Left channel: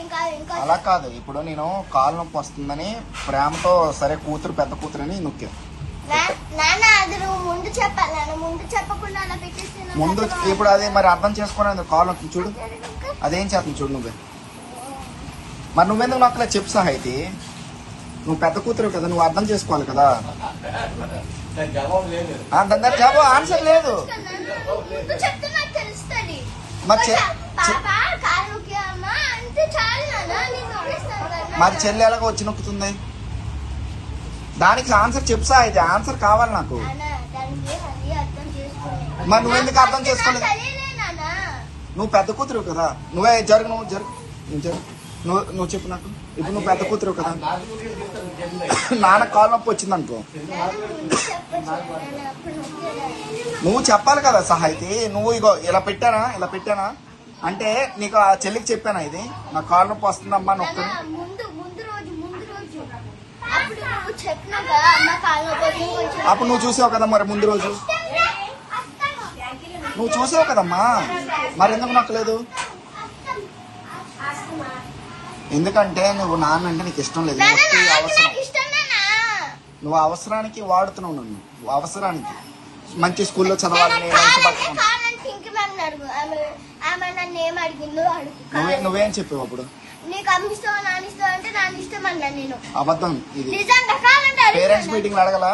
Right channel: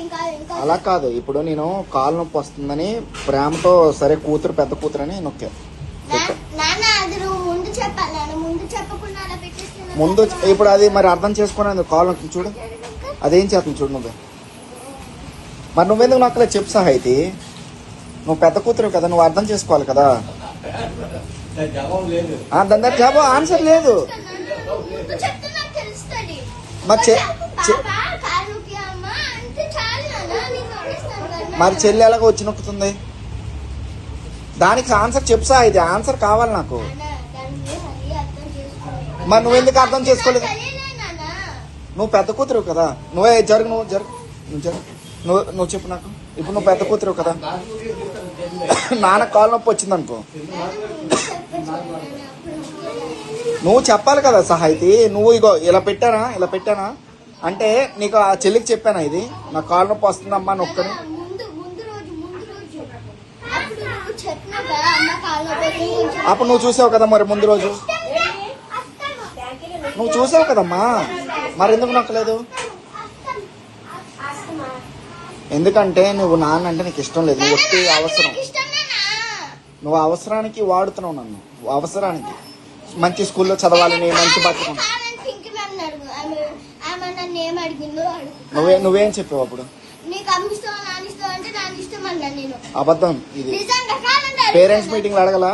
అలా కాదు, ఇప్పుడు నేను కాలు నొప్పి వస్తుందని ప్రేమతో సరే కూతురు పెద్ద కూతురు అని నొక్కా. ముందు ఇప్పుడు అది మరి అర్థం చేసుకుని కాలు నొప్పి చూడు, అదేం చేస్తుంది చూడు నువ్వే. మరి నువ్వేందుకు నొక్కలే చెప్పు సాహితి, నువ్వు పెద్ద కూతురు కదా, నువ్వు అర్థం చేసుకోవాలి కదా. జవాబు ఆన్సర్ లేదు. మరి చెల్లి ఎలాగో వచ్చి నొక్కుతుంది, దానికి ఆన్సర్ చెప్సా. ఇది ఆన్సర్ కావాలి నాకు. మరి నువ్వు ఎందుకు అర్థం చేసుకోలేదు? నువ్వు పెద్ద కూతురు కదా, నువ్వే జరుగు, నువ్వు జరుగు, నువ్వు జరుగు, నువ్వు చెప్పు నాకు. ఇప్పుడు నువ్వు పెద్ద కూతురు కదా, నాన్న కాలు నొప్పి వచ్చింది అనుకో, నువ్వు చెప్పాలి కదా సహాయితి. నువ్వు ఇగో ఇలా పెట్టానా అంటే నీకు ఆ చెల్లికి చెప్పాను, ఇది నా కాలు నొప్పి వస్తుందమ్మా అని చెప్తాను. అప్పుడు నువ్వు చూసావు కదా, మరి ముందు రోజు నువ్వు చూసావు కదమ్మా, మరి ఎందుకు నొక్కలేదు? ఎందుకంటే నువ్వు నాన్న అంటే నీకు ఇష్టం లేదు, అవసరం, నువ్వు అవసరానికి వాడుతున్నావు నన్ను, అవసరానికి. మంచి స్కూల్లో చదవాలని, మంచి నువ్వేం చెప్పావు అప్పుడు? అబద్ధం ఇది. Parents meeting అడగలా?